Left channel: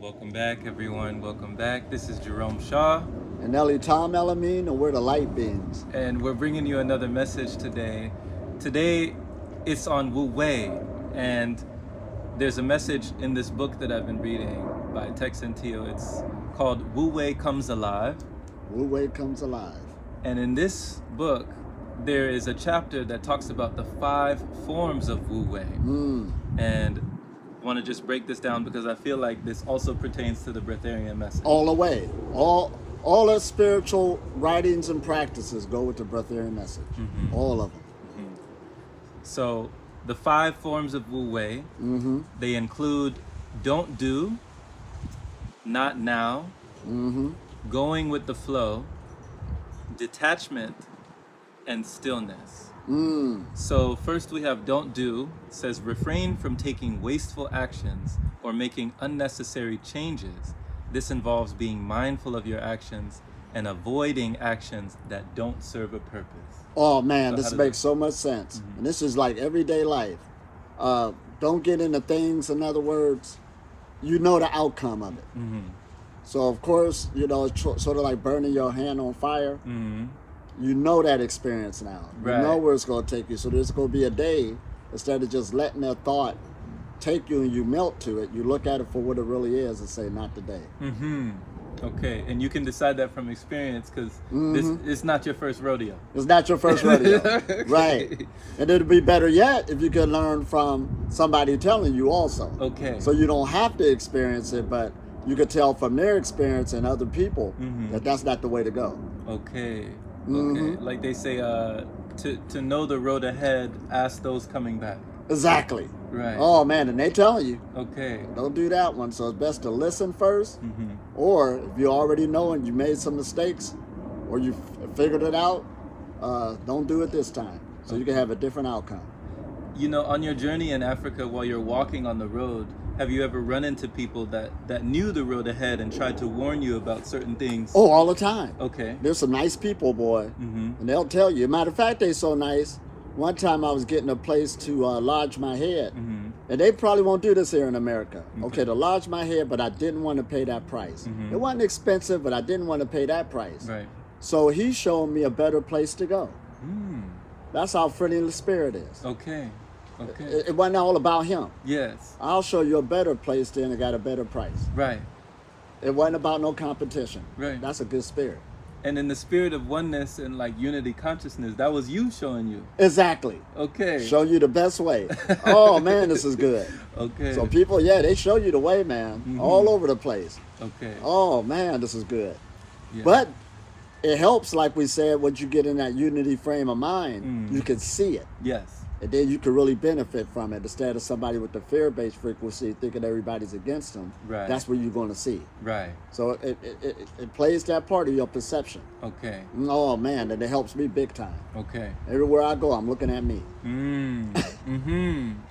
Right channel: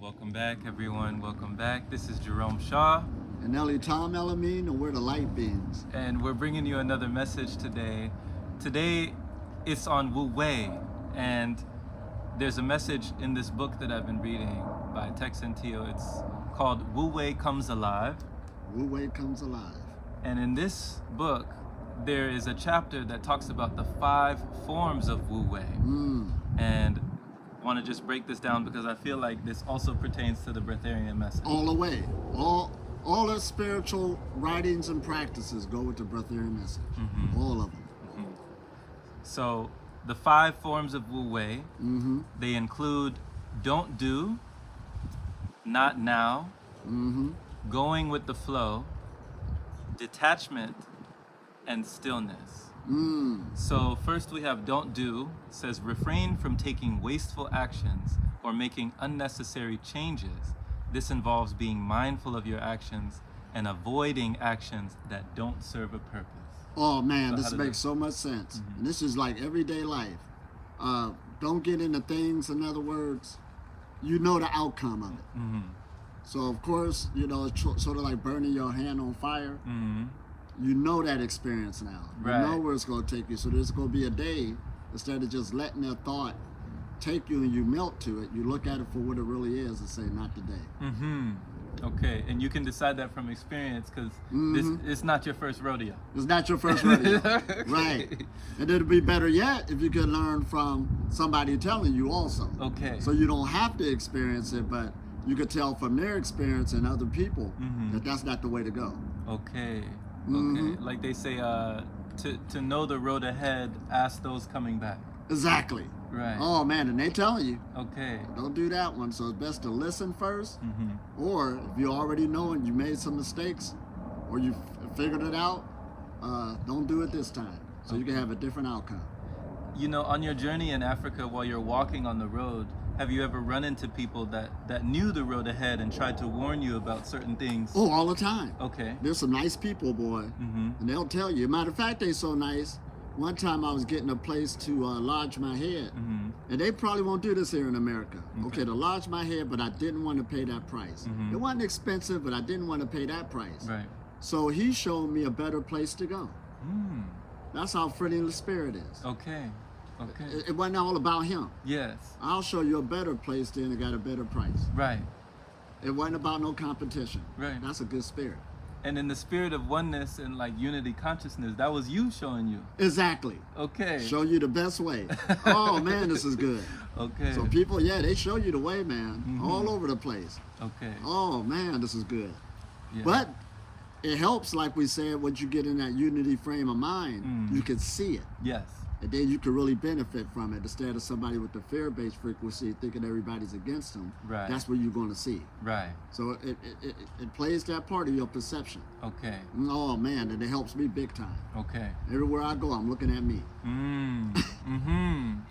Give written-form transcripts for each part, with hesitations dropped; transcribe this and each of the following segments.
Welcome back, everyone. Welcome back. This is Jerome Shaw, And Ellie Tom Elamine, and we're the light beings. and we're bringing you another message today. Today, it's on Wu Wei, and there's a message in this book that I've been reading by Tex and Teo. It's called Wu Wei Comes Alive. Wu Wei comes alive. And in this book, there is a chapter that talks about the 5 forms of Wu Wei. And I want to just break this down because I feel like this also pertains to the breatharian message. All the way. All the spiritual writings and practices go with the breatharian message. All of them. So the 5 forms of Wu Wei, they include don't do, not now, going with the flow, detachment, and stillness. So first we have don't do. It says refrain from taking wasteful actions or making unnecessary changes. This involves being mindful of your actions and avoiding actions that don't serve a purpose. Oh man, So this makes so much sense. And this is like everyday life. Don't get into things, in other words, you know the outcome of it. So of course, it's sort of like burning your hand on fire. You know that experience now. You know where it's going to take you. So there's going to be a day, instead of just letting that thought take you and you melt to it, you look at it for what it really is and say, not today. Okay, and you can decide that from experience because this is not your first rodeo. It's not your first rodeo. Right. And it'll be better yet if you could learn from somebody telling you also. Okay. So you don't have to experience it, but you could tell from their experience and other people that that's not the way to go. Okay. Okay. Like they say, to know the road ahead, ask those coming back. Exactly. Right. Oh man, and they telling you, Okay. don't do that one. So it's best to listen first, or if you already know and you made some mistakes, or you figured it out, don't do it this time. So you can have a different outcome. You know, on your journey in Africa, while you're walking on the road, have you ever run into people that knew the road ahead and tried to warn you about certain things? Oh, all the time. Okay. There's some nice people, boy, and they'll tell you. Matter of fact, they so nice. One time I was getting a place to lodge my head, and they probably won't do this here in America. Okay, to lodge my head, but I didn't want to pay that price. It wasn't expensive, but I didn't want to pay that price. Right. So he showed me a better place to go. That's how friendly the spirit is. Okay. Okay. It wasn't all about him. Yes. I'll show you a better place then and got a better price. Right. It wasn't about no competition. Right. That's a good spirit. And in the spirit of oneness and like unity consciousness, that was you showing you. Exactly. Okay. Show you the best way. Oh man, this is good. Okay. So people, they show you the way, man, all over the place. Okay. Oh man, this is good. Yeah. But it helps, like we said, once you get in that unity frame of mind, you can see it. Yes. And then you can really benefit from it instead of somebody with the fear-based frequency thinking everybody's against them. Right. That's what you're going to see. Right. So it plays that part of your perception. Okay. Oh man, and it helps me big time. Okay. Everywhere I go, I'm looking at me.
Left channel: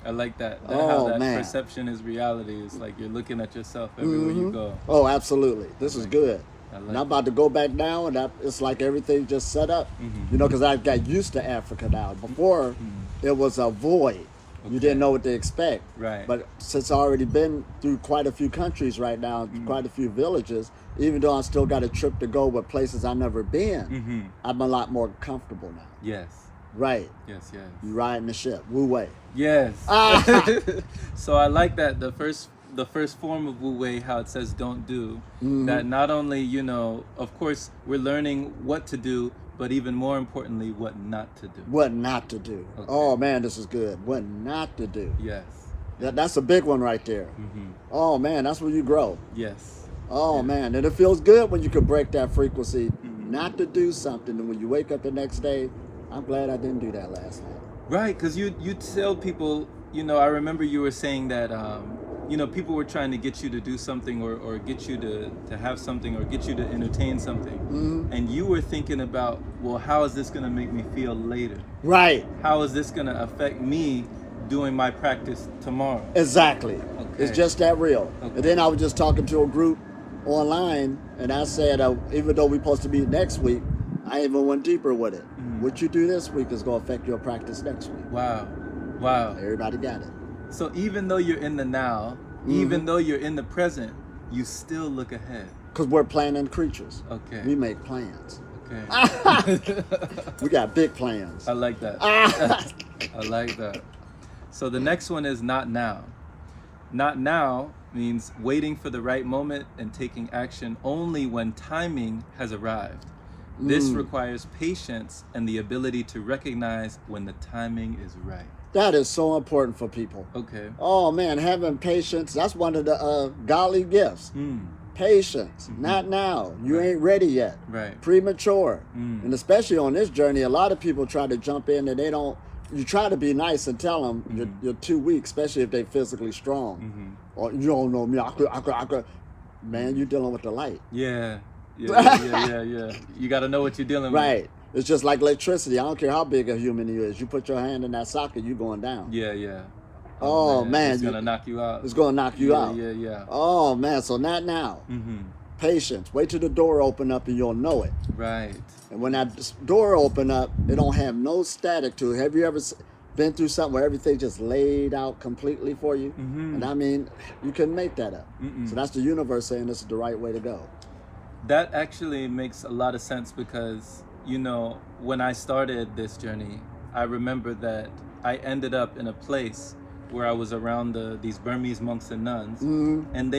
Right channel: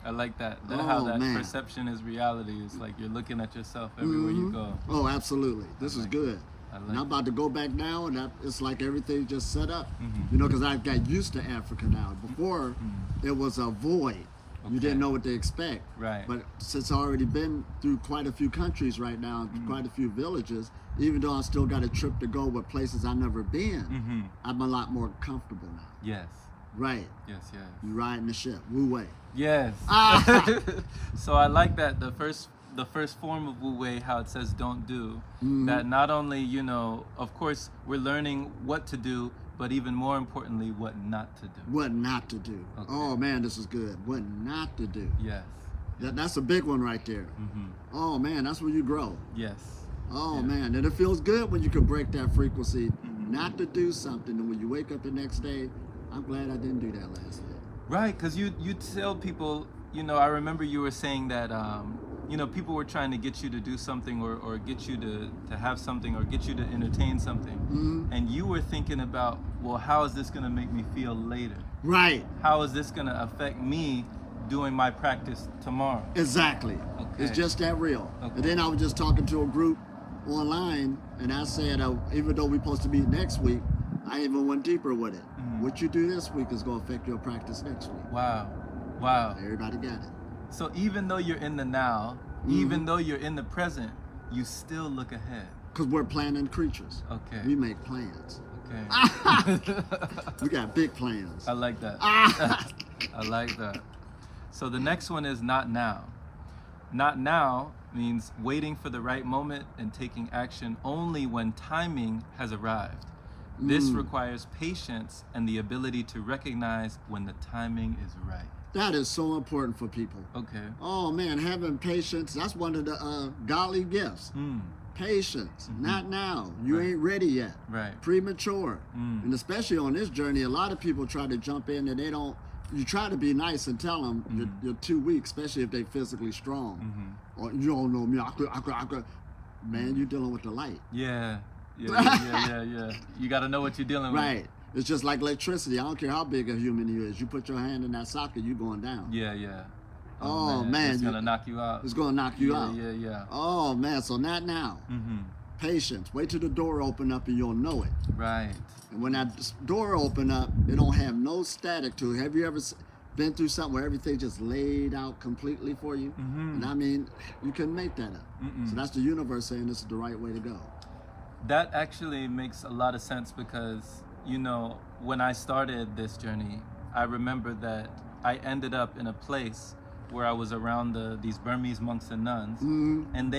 I like that. Oh, How that man. perception is reality. It's like you're looking at yourself everywhere you go. Oh, absolutely. This is good. I like And I'm about to go back now, and it's like everything's just set up. Because I got used to Africa now. Before, it was a void. You didn't know what to expect. Right. But since I've already been through quite a few countries right now, quite a few villages, even though I still got a trip to go with places I've never been, I'm a lot more comfortable now. Yes. Right. Yes. Yes. You riding the ship. Wu Wei. Yes. So I like that the first form of Wu Wei, how it says don't do, that not only, of course, we're learning what to do, but even more importantly, what not to do. What not to do. Okay. Oh man, this is good. What not to do. Yes. That's a big one right there. Oh man, that's where you grow. Yes. Oh man, and it feels good when you can break that frequency, not to do something, and when you wake up the next day, I'm glad I didn't do that last night. Right, because you tell people, I remember you were saying that, people were trying to get you to do something or get you to have something or get you to entertain something. And you were thinking about, well, how is this going to make me feel later? Right. How is this going to affect me doing my practice tomorrow? Exactly. Okay. It's just that real. Okay. And then I was just talking to a group online, and I said, even though we're supposed to meet next week, I even went deeper with it. What you do this week is going to affect your practice next week. Wow. Wow. Everybody got it. So even though you're in the now, even though you're in the present, you still look ahead. Because we're planning creatures. Okay. We make plans. Okay. We got big plans. I like that. I like that. So the next one is not now. Not now means waiting for the right moment and taking action only when timing has arrived. This requires patience and the ability to recognize when the timing is right. That is so important for people. Okay. Oh man, having patience, that's one of the godly gifts. Patience. Not now. You ain't ready yet. Right. Premature. And especially on this journey, a lot of people try to jump in and they don't. You try to be nice and tell them you're too weak, especially if they're physically strong. Or you don't know me. I could. Man, you're dealing with the light. Yeah. You got to know what you're dealing with. Right. It's just like electricity. I don't care how big a human you is. You put your hand in that socket, you're going down. Yeah. Oh man, it's gonna knock you out. It's gonna knock you out. Yeah. Oh man, so not now. Patience. Wait till the door open up and you'll know it. Right. And when that door open up, it don't have no static to it. Have you ever been through something where everything just laid out completely for you? And I mean, you couldn't make that up. So that's the universe saying this is the right way to go. That actually makes a lot of sense because, you know, when I started this journey, I remember that I ended up in a place where I was around these Burmese monks and nuns, and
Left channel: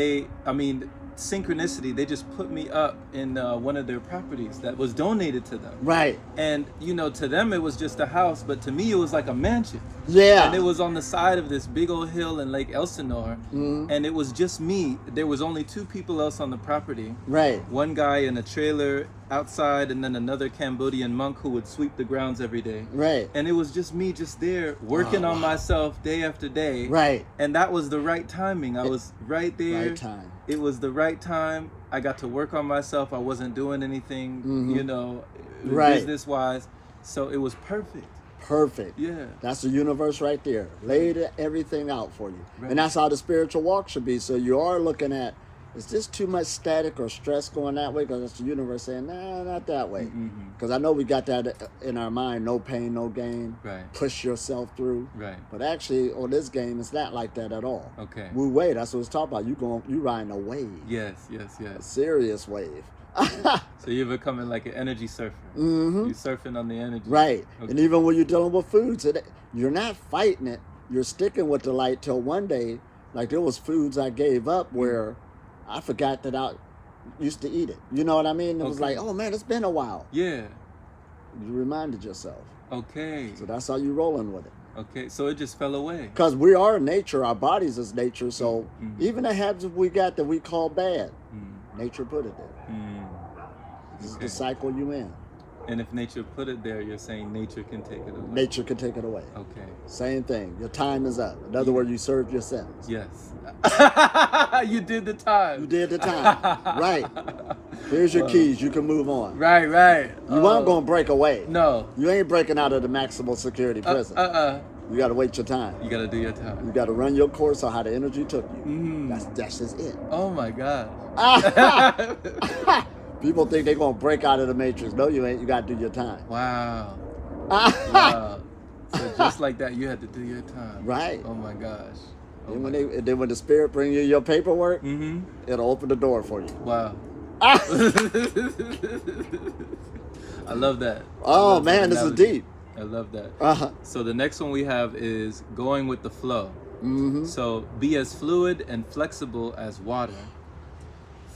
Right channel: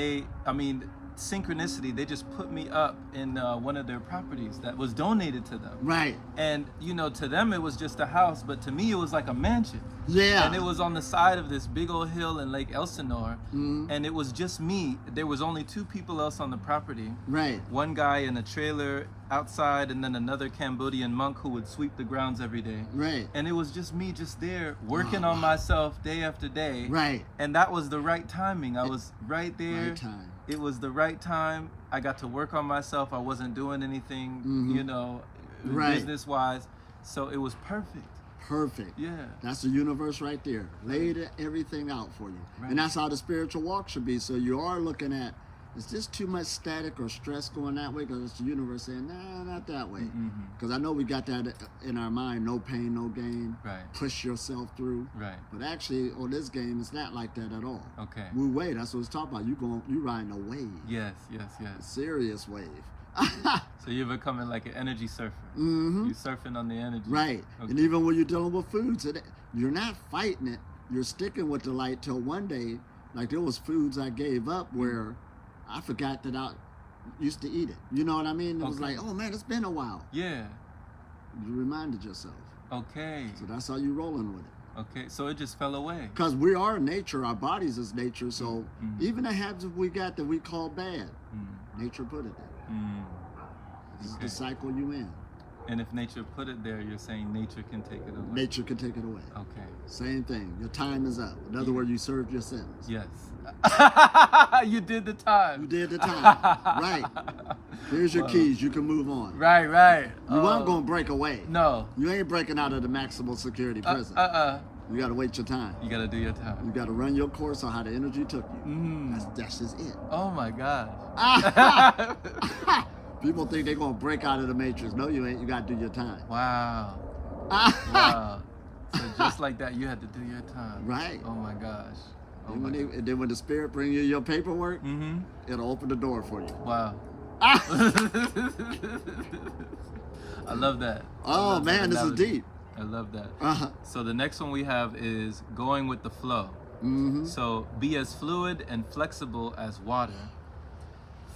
synchronicity, they just put me up in one of their properties that was donated to them. Right. And, you know, to them it was just a house, but to me it was like a mansion. Yeah. And it was on the side of this big old hill in Lake Elsinore, and it was just me. There was only 2 people else on the property. Right. One guy in a trailer outside, and then another Cambodian monk who would sweep the grounds every day. Right. And it was just me just there working on myself day after day. Right. And that was the right timing. I was right there. Right time. It was the right time. I got to work on myself. I wasn't doing anything, you know, business-wise. So it was perfect. Perfect. Yeah. That's the universe right there. Laid everything out for you. Right. And that's how the spiritual walk should be. So you are looking at, is this too much static or stress going that way? Because it's the universe saying, nah, not that way. Because I know we got that in our mind, no pain, no gain. Right. Push yourself through. Right. But actually, on this game, it's not like that at all. Okay. Wu Wei, that's what it's talking about. You riding a wave. Yes. A serious wave. So you're becoming like an energy surfer. You're surfing on the energy. Right. Okay. And even when you're dealing with foods, you're not fighting it. You're sticking with the light till one day, like there was foods I gave up where I forgot that I used to eat it. You know what I mean? It was like, oh man, it's been a while. Yeah. You reminded yourself. Okay. So that's how you rolling with it. Okay. So it just fell away. Because we are nature. Our bodies is nature. So even the habits we got that we call bad, nature put it there. This is the cycle you in. And if nature put it there, you're saying nature can take it away. Nature can take it away. Okay. Same thing. Your time is up. In other words, you served your sentence. Yes. You did the time. You did the time. Right. Here's your keys. You can move on. Right. You weren't going to break away. No. You ain't breaking out of the maximum security prison. You got to wait your time. You got to do your time. You got to run your course on how the energy took you. That's just it. Oh my gosh. People think they're going to break out of the matrix. No, you ain't. You got to do your time. Wow. Wow. So just like that, you had to do your time. Right. Oh my gosh. And then when the spirit bring you your paperwork, it'll open the door for you. Wow. I love that. Oh man, this is deep. I love that. So the next one we have is going with the flow. So be as fluid and flexible as water.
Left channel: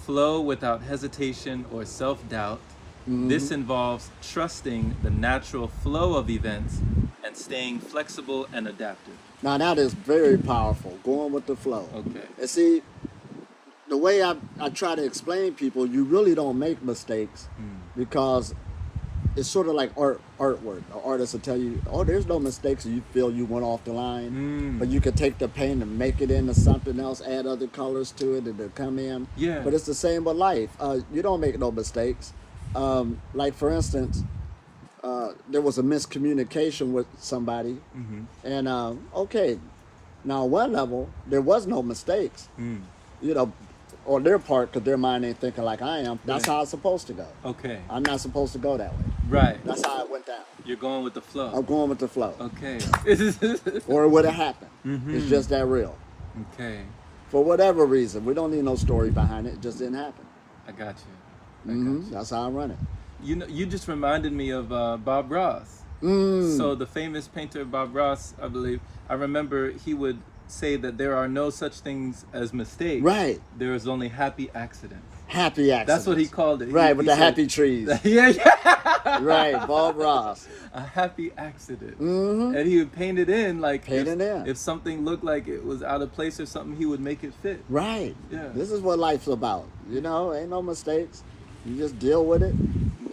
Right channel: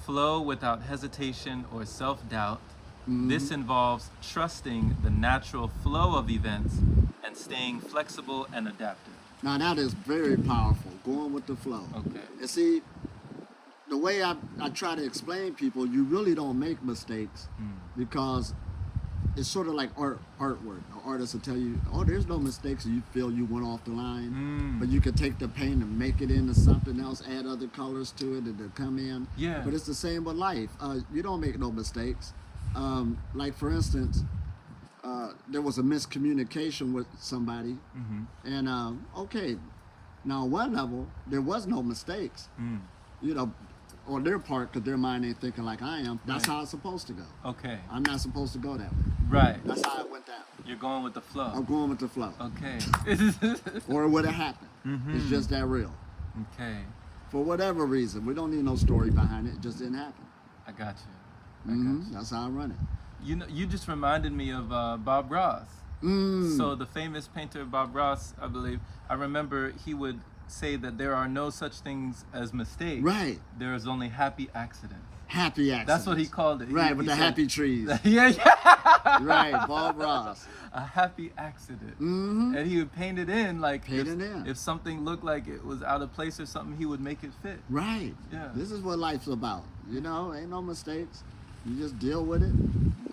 Flow without hesitation or self-doubt. This involves trusting the natural flow of events and staying flexible and adaptive. Now that is very powerful, going with the flow. Okay. And see, the way I try to explain people, you really don't make mistakes because it's sort of like artwork. An artist will tell you, oh, there's no mistakes, and you feel you went off the line. But you could take the paint and make it into something else, add other colors to it, and it'll come in. Yeah. But it's the same with life. You don't make no mistakes. Like for instance, there was a miscommunication with somebody, and okay, now on one level there was no mistakes, you know, on their part because their mind ain't thinking like I am. That's how it's supposed to go. Okay. I'm not supposed to go that way. Right. That's how it went down. You're going with the flow. I'm going with the flow. Okay. Or it would have happened. It's just that real. Okay. For whatever reason. We don't need no story behind it. It just didn't happen. I got you. That's how I run it. You know, you just reminded me of Bob Ross. So the famous painter Bob Ross, I believe, I remember he would say that there are no such things as mistakes. Right. There is only happy accidents. Happy accidents. That's what he called it. Right, with he the said, happy trees. Yeah. Right, Bob Ross. A happy accident. And he would paint it in like if something looked like it was out of place or something, he would make it fit. Right. Yeah. This is what life's about. You know, ain't no mistakes. You just deal with it.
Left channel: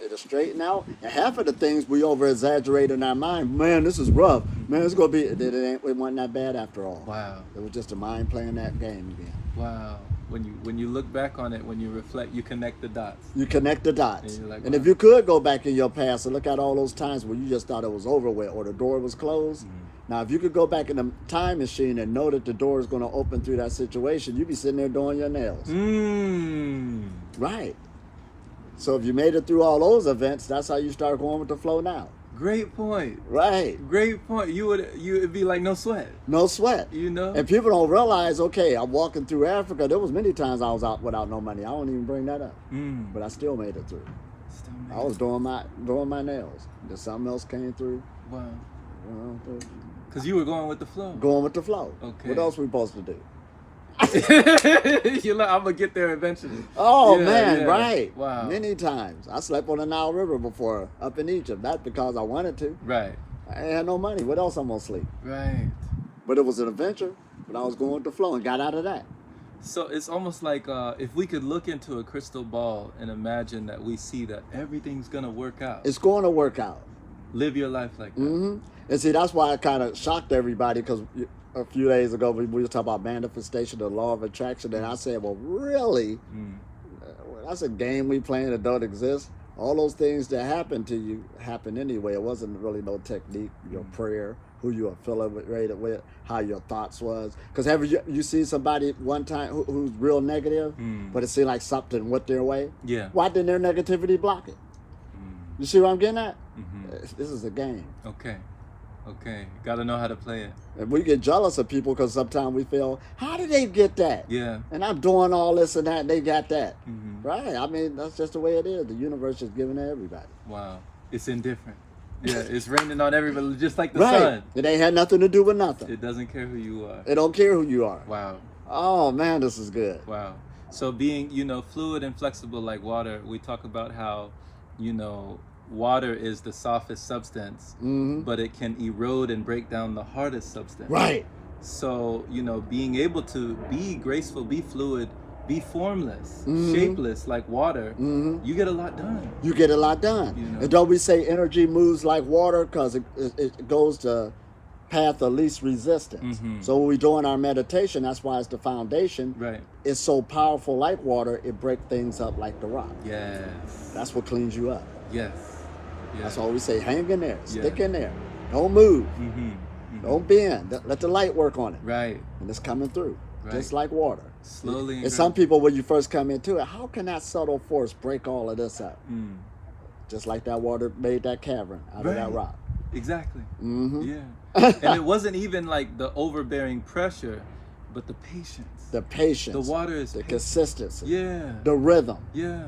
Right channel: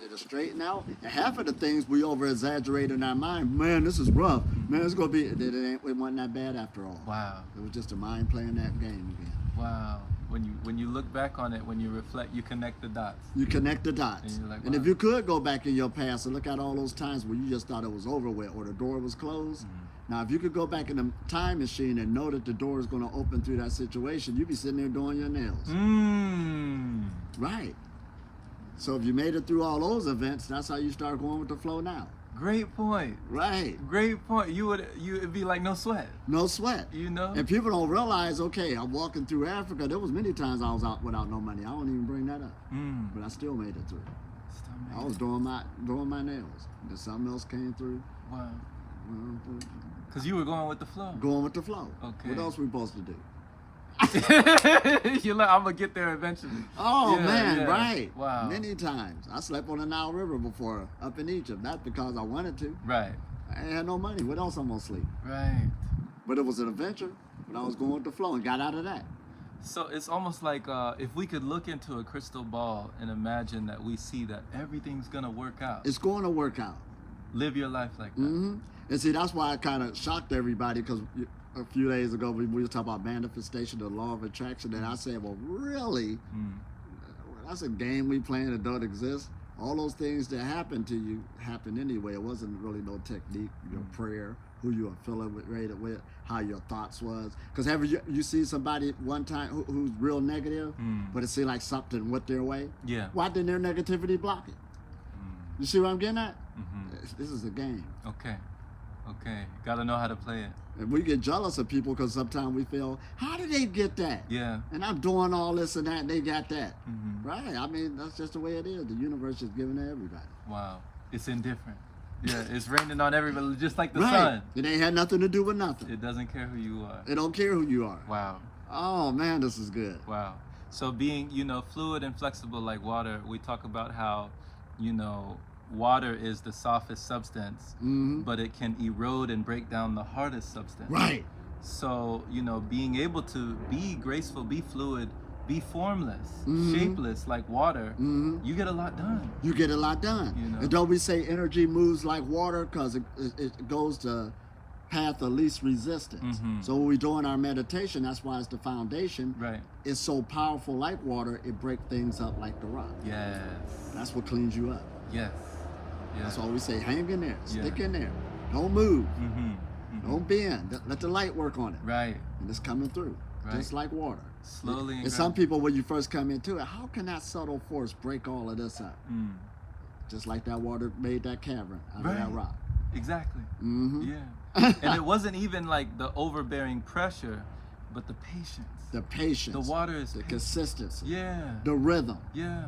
It'll straighten out. And half of the things we over exaggerate in our mind. Man, this is rough. Man, it's gonna be. It wasn't that bad after all. Wow. It was just a mind playing that game again. Wow. When you look back on it, when you reflect, you connect the dots. You connect the dots. And you're like, and wow. if you could go back in your past and look at all those times where you just thought it was over with or the door was closed. Now, if you could go back in the time machine and know that the door is going to open through that situation, you'd be sitting there doing your nails. Right. So if you made it through all those events, that's how you start going with the flow now. Great point. Right. Great point. It'd be like no sweat. No sweat. You know? And people don't realize, okay, I'm walking through Africa. There was many times I was out without no money. I don't even bring that up. But I still made it through. I was doing my nails. Then something else came through. Wow. Well, Because you were going with the flow. Going with the flow. Okay. What else we supposed to do? I'm gonna get there eventually. Oh Yeah, man, yeah. right. Wow. Many times. I slept on the Nile River before up in Egypt. Not because I wanted to. Right. I ain't had no money. What else I'm gonna sleep? Right. But it was an adventure. But I was going with the flow and got out of that. So it's almost like if we could look into a crystal ball and imagine that we see that everything's gonna work out. It's going to work out. Live your life like that. And see, that's why I kind of shocked everybody because a few days ago we were talking about manifestation, the law of attraction, and I said, well, really? That's a game we playing that don't exist. All those things that happen to you happen anyway. It wasn't really no technique, your prayer, who you affiliated with, how your thoughts was. Because have you seen somebody one time who's real negative, but it seemed like something went their way? Yeah. Why didn't their negativity block it? You see what I'm getting at? This is a game. Okay. Gotta know how to play it. And we get jealous of people because sometimes we feel, how did they get that? Yeah. And I'm doing all this and that, and they got that. Right? I mean, that's just the way it is. The universe is giving to everybody. Wow. It's indifferent. Yeah, it's raining on everybody, just like the Right. sun. It ain't had nothing to do with nothing. It doesn't care who you are. It don't care who you are. Wow. Oh, man, this is good. Wow. So being, fluid and flexible like water, we talk about how, water is the softest substance, but it can erode and break down the hardest substance. Right. So, being able to be graceful, be fluid, be formless, shapeless like water, you get a lot done. You get a lot done. And don't we say energy moves like water because it goes to path of least resistance. So when we're doing our meditation, that's why it's the foundation. Right. It's so powerful like water, it breaks things up like the rock. Yes. That's what cleans you up. Yes. That's all we say. Hang in there. Stick in there. Don't move. Don't bend. Let the light work on it. Right. And it's coming through. Right. Just like water. Slowly. And some people, when you first come into it, how can that subtle force break all of this up? Just like that water made that cavern out of that rock. Exactly. Yeah. And it wasn't even like the overbearing pressure, but the patience. The patience. The water is the consistency. Yeah. The rhythm. Yeah.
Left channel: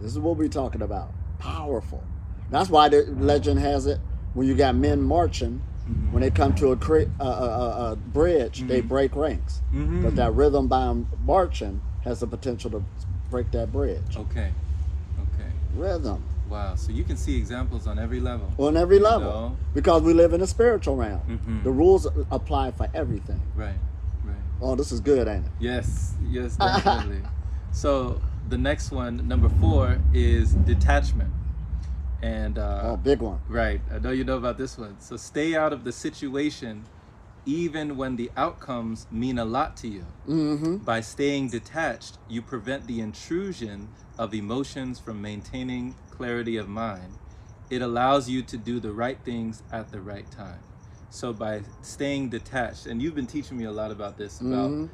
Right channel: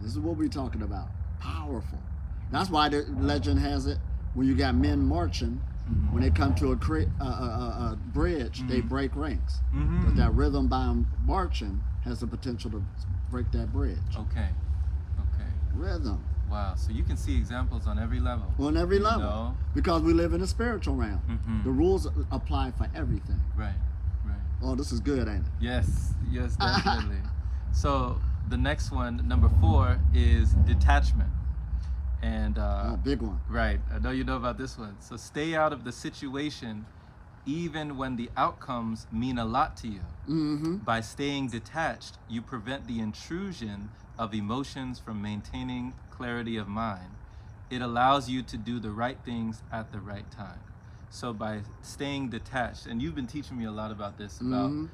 This is what we're talking about. Powerful. That's why the legend has it when you got men marching, when they come to a bridge, they break ranks. But that rhythm by marching has the potential to break that bridge. Okay. Rhythm. Wow. So you can see examples on every level. On every level. Because we live in a spiritual realm. The rules apply for everything. Right. Oh, this is good, ain't it? Yes, definitely. So the next one, number 4, is detachment. And big one. Right. I know you know about this one. So stay out of the situation even when the outcomes mean a lot to you. By staying detached, you prevent the intrusion of emotions from maintaining clarity of mind. It allows you to do the right things at the right time. So by staying detached, and you've been teaching me a lot about this, about,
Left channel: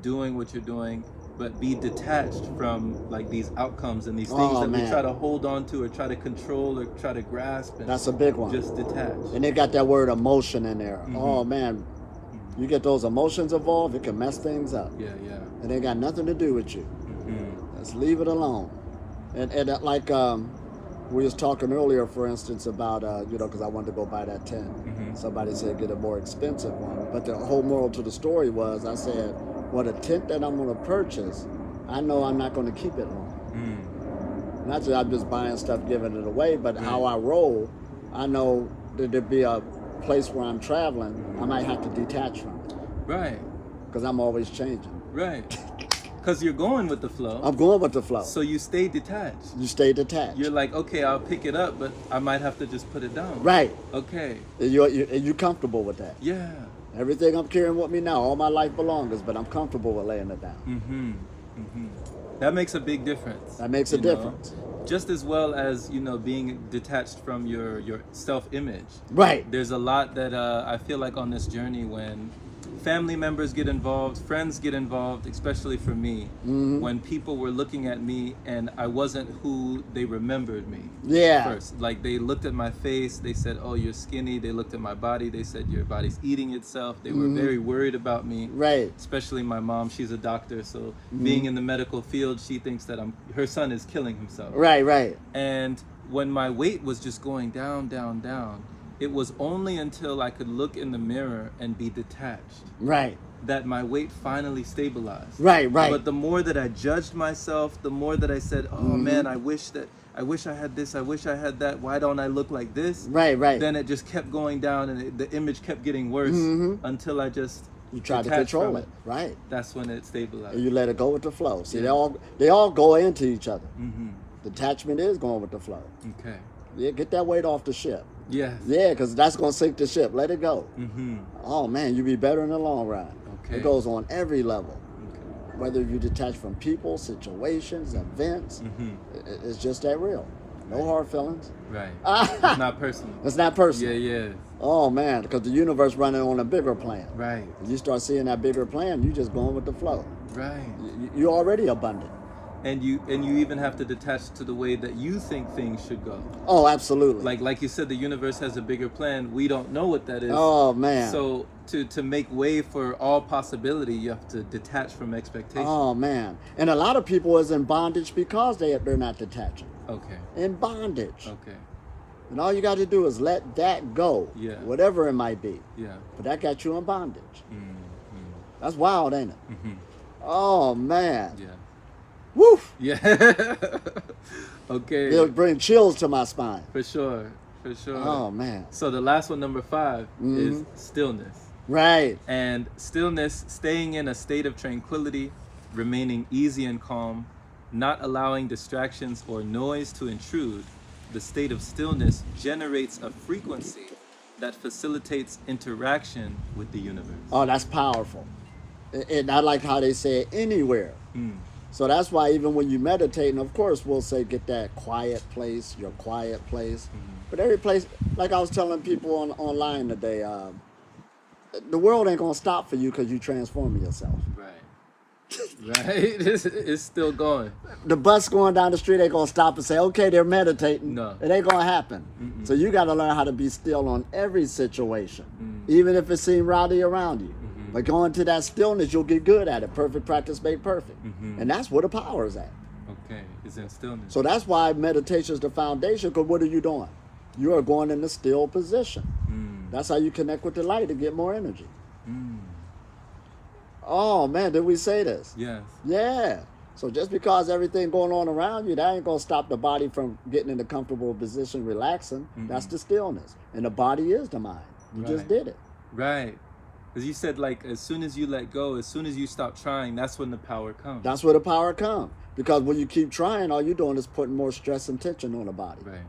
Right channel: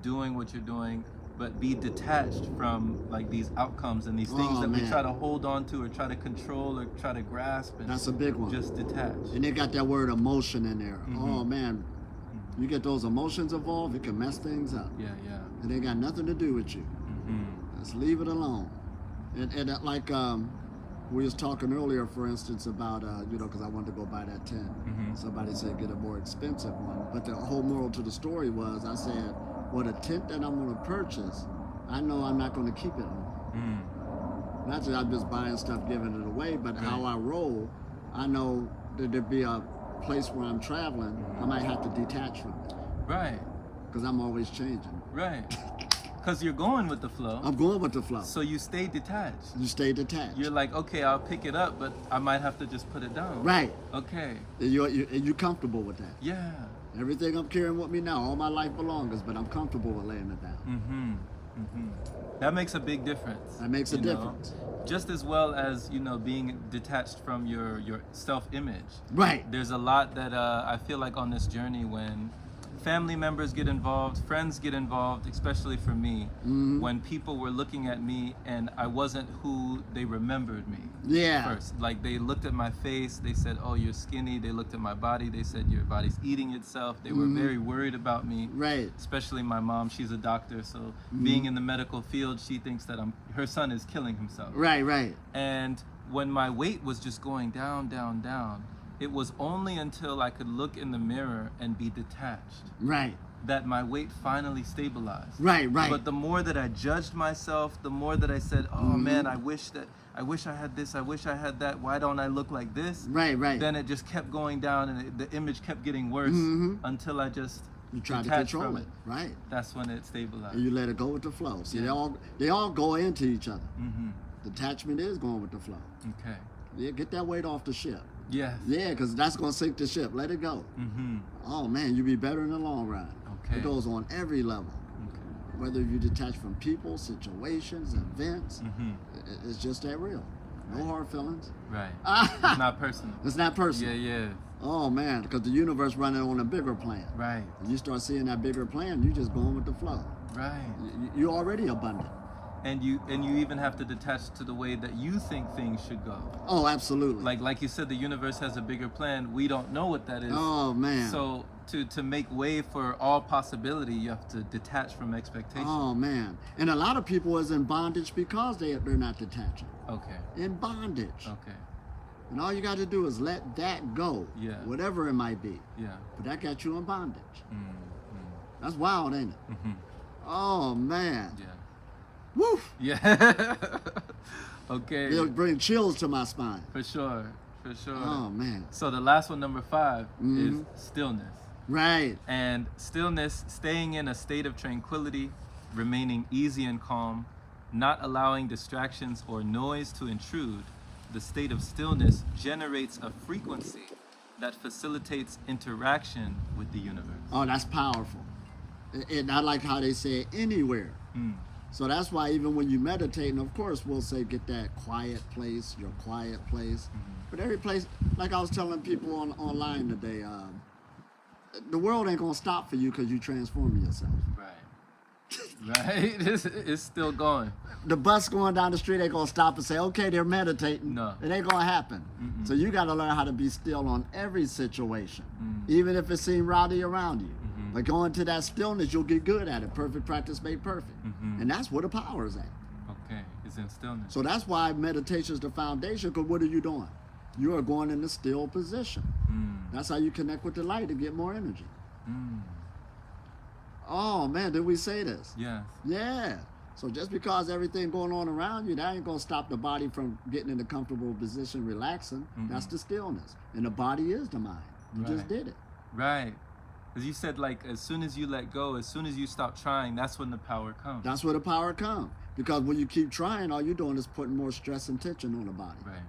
doing what you're doing, but be detached from like these outcomes and these things that we try to hold on to or try to control or try to grasp. And that's a big one. Just detach. And they got that word emotion in there. Oh man, You get those emotions involved, it can mess things up. Yeah. It ain't got nothing to do with you. Let's leave it alone. And like we was talking earlier, for instance, about because I wanted to go buy that tent. Somebody said get a more expensive one, but the whole moral to the story was, I said, well, the tent that I'm going to purchase, I know I'm not going to keep it long. Not that I'm just buying stuff, giving it away, but how I roll, I know that there'd be a place where I'm traveling, I might have to detach from it. Right. Because I'm always changing. Right. Because you're going with the flow. I'm going with the flow. So you stay detached. You stay detached. You're like, okay, I'll pick it up, but I might have to just put it down. Right. Okay. And you're comfortable with that. Yeah. Everything I'm carrying with me now, all my life belongs, but I'm comfortable with laying it down. That makes a big difference. That makes a difference. Just as well as, being detached from your self-image. Right. There's a lot that I feel like on this journey when family members get involved, friends get involved, especially for me, when people were looking at me and I wasn't who they remembered me. Yeah. First, like they looked at my face, they said, "Oh, you're skinny." They looked at my body, they said, "Your body's eating itself." They were very worried about me. Right. Especially my mom, she's a doctor, so being in the medical field, she thinks that her son is killing himself. Right. And when my weight was just going down, it was only until I could look in the mirror and be detached. Right. That my weight finally stabilized. Right. But the more that I judged myself, the more that I said, "Oh man, I wish I had this, I wish I had that, why don't I look like this?" Right. Then it just kept going down and the image kept getting worse until I just You try to detached control from it. Right. That's when it stabilized. And you let it go with the flow. See, they all go into each other. Mm-hmm. Detachment is going with the flow. Okay. Yeah, get that weight off the ship. Yes. Yeah, because that's going to sink the ship. Let it go. Mm-hmm. Oh, man, you be better in the long run. Okay. It goes on every level. Okay. Whether you detach from people, situations, events, it's just that real. No hard feelings. Right. It's not personal. It's not personal. Yeah. Oh, man, because the universe running on a bigger plan. Right. You start seeing that bigger plan, you just going with the flow. Right. You're already abundant. And you even have to detach to the way that you think things should go. Oh, absolutely. Like you said, the universe has a bigger plan. We don't know what that is. Oh, man. So to make way for all possibility, you have to detach from expectation. Oh, man. And a lot of people is in bondage because they're not detaching. Okay. In bondage. Okay. And all you got to do is let that go. Yeah. Whatever it might be. Yeah. But that got you in bondage. Mm-hmm. That's wild, ain't it? Mm-hmm. Oh, man. Yeah. Woo! Yeah. Okay. It'll bring chills to my spine. For sure. Oh, man. So the last one, number 5, is stillness. Right. And stillness, staying in a state of tranquility, remaining easy and calm, not allowing distractions or noise to intrude. The state of stillness generates a frequency that facilitates interaction with the universe. Oh, that's powerful. And I like how they say anywhere. So that's why even when you meditate, and of course we'll say get that quiet place, your quiet place. But every place, like I was telling people online today, the world ain't gonna stop for you because you transforming yourself. Right. It's still going. The bus going down the street ain't gonna stop and say, okay, they're meditating. No. It ain't gonna happen. So you gotta learn how to be still on every situation, even if it seems rowdy around you. But going to that stillness, you'll get good at it. Perfect practice made perfect. And that's where the power is at. Okay, it's in stillness. So that's why meditation is the foundation, because what are you doing? You are going in the still position. That's how you connect with the light and get more energy. Oh, man, did we say this? Yes. Yeah. So just because everything going on around you, that ain't going to stop the body from getting in a comfortable position, relaxing. That's the stillness. And the body is the mind. You just did it. Right. Because you said, like, as soon as you let go, as soon as you stop trying, that's when the power comes. That's where the power comes. Because when you keep trying, all you're doing is putting more stress and tension on the body. Right.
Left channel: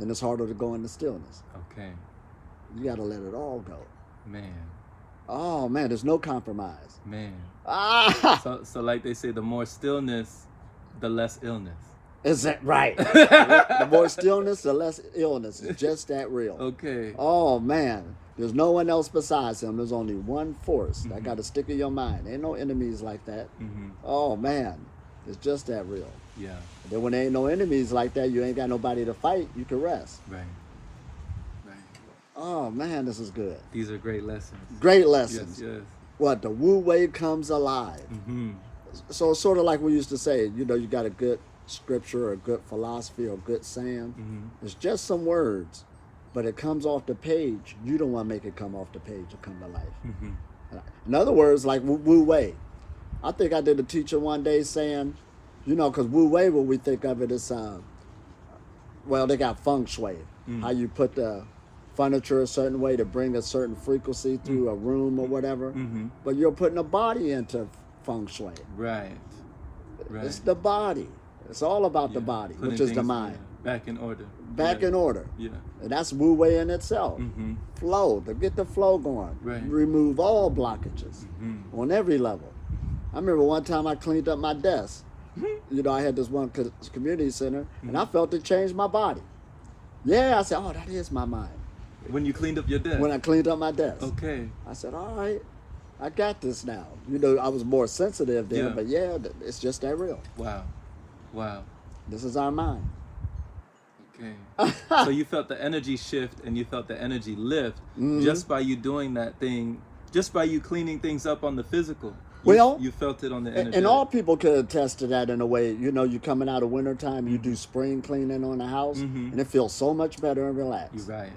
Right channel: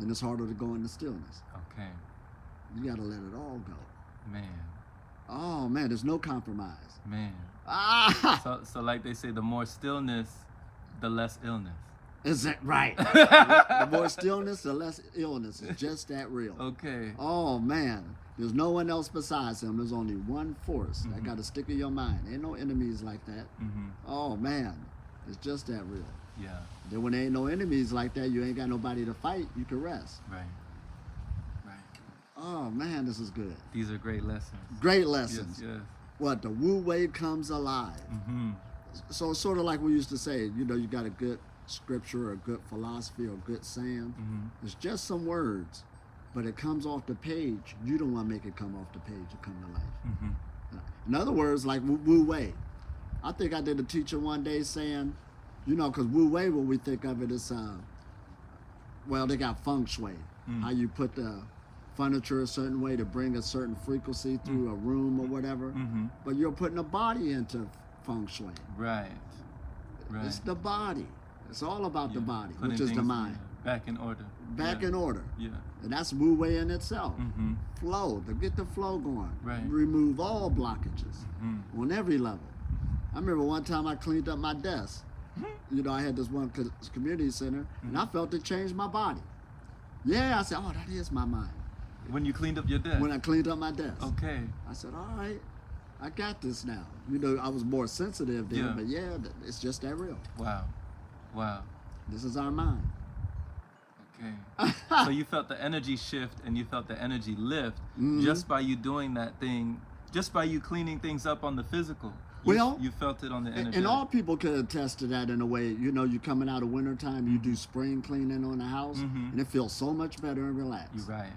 Then it's harder to go into stillness. Okay. You got to let it all go. Man. Oh, man, there's no compromise. Man. Ah! So like they say, the more stillness, the less illness. Is that right? The more stillness, the less illness. It's just that real. Okay. Oh, man. There's no one else besides him. There's only one force that got to stick in your mind. Ain't no enemies like that. Oh, man. It's just that real. Yeah. And then when there ain't no enemies like that, you ain't got nobody to fight, you can rest. Right. Oh man, this is good. These are great lessons. Great Yes, lessons. yes. What, the Wu Wei comes alive. Mm-hmm. So it's sort of like we used to say, you know, you got a good scripture or a good philosophy or a good saying. Mm-hmm. It's just some words, but it comes off the page. You don't want to make it come off the page and come to life. Mm-hmm. In other words, like Wu Wei. I think I did a teacher one day saying, you know, because Wu Wei, when we think of it as, well, they got feng shui, how you put the furniture a certain way to bring a certain frequency through a room or whatever. Mm-hmm. But you're putting a body into feng shui. Right. Right. It's the body. It's all about the body, Putting which is the things, mind. back in order. Back in order. Yeah. And that's Wu Wei in itself. Mm-hmm. Flow, to get the flow going. Right. Remove all blockages Mm-hmm. on every level. I remember one time I cleaned up my desk. You know, I had this one community center, and I felt it changed my body. Yeah, I said, oh, that is my mind. When you cleaned up your desk. When I cleaned up my desk. Okay. I said, all right, I got this now. You know, I was more sensitive then, Yeah. but yeah, it's just that real. Wow. Wow. This is our mind. Okay. So you felt the energy shift and you felt the energy lift just by you doing that thing, just by you cleaning things up on the physical. Well, you felt it on the energy. And all people could attest to that in a way. You know, you coming out of wintertime, you do spring cleaning on the house, and it feels so much better and relaxed. You're right.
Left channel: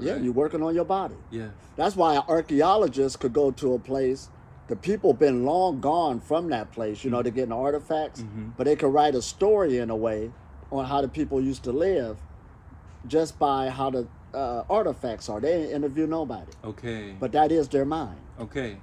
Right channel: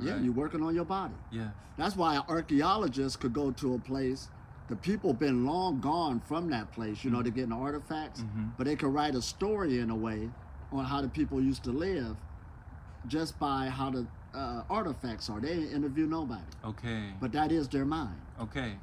Yeah, you're working on your body. Yes. That's why an archaeologist could go to a place. The people been long gone from that place, you know, to get artifacts, but they could write a story in a way on how the people used to live just by how the artifacts are. They ain't interview nobody. Okay. But that is their mind. Okay.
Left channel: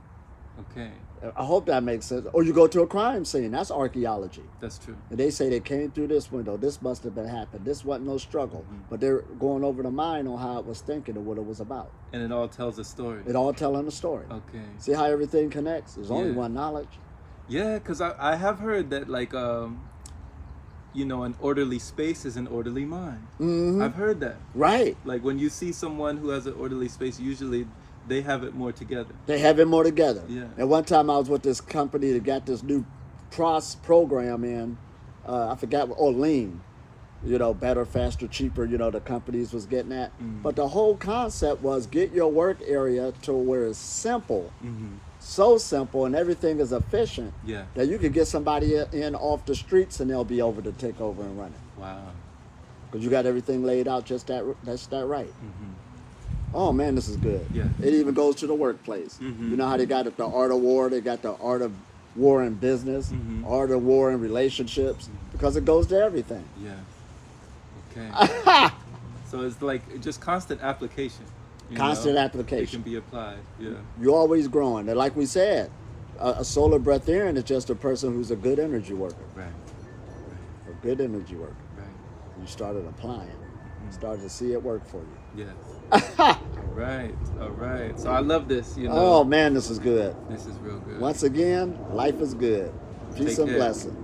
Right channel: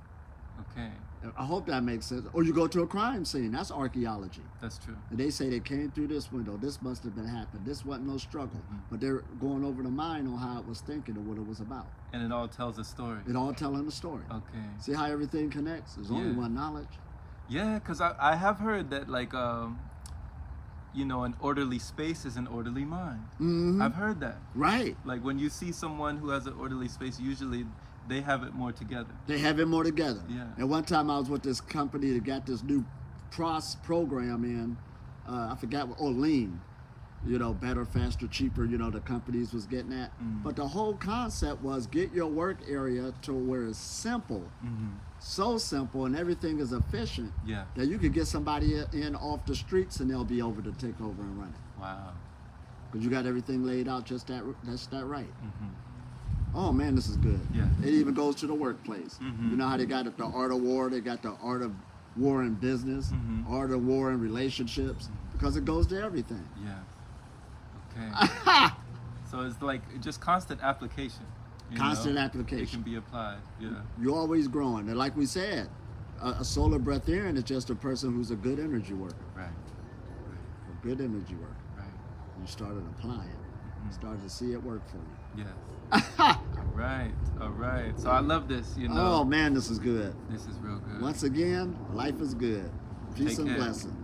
Okay. I hope that makes sense. Or you go to a crime scene, that's archaeology. That's true. And they say they came through this window, this must have been happened, this wasn't no struggle. But they're going over the mind on how it was thinking and what it was about. And it all tells a story. It all telling a story. Okay. See how everything connects? There's only Yeah. one knowledge. Yeah, because I have heard that, like, you know, an orderly space is an orderly mind. I've heard that. Right. Like, when you see someone who has an orderly space, usually they have it more together. They have it more together. Yeah. And one time I was with this company that got this new program in, I forgot, lean. You know, better, faster, cheaper, you know, the companies was getting at. But the whole concept was get your work area to where it's simple, so simple, and everything is efficient Yeah. that you could get somebody in off the streets and they'll be over to take over and run it. Wow. Because you got everything laid out just that right. Oh man, this is good. Yeah. It even goes to the workplace. You know how they got the art of war, they got the art of war in business, art of war in relationships, because it goes to everything. Yeah. Okay. So it's like just constant application. you Constant know? application. It can be applied. Yeah. You're always growing. And like we said, a solar breatharian is just a person who's a good energy worker. Right. A good energy worker. Right. You started applying, started to see it work for you. Yes. All right. All right. So I love this. You know. Oh man, this is good. This is real good. Once again, life is good. Peace Take and care. blessing.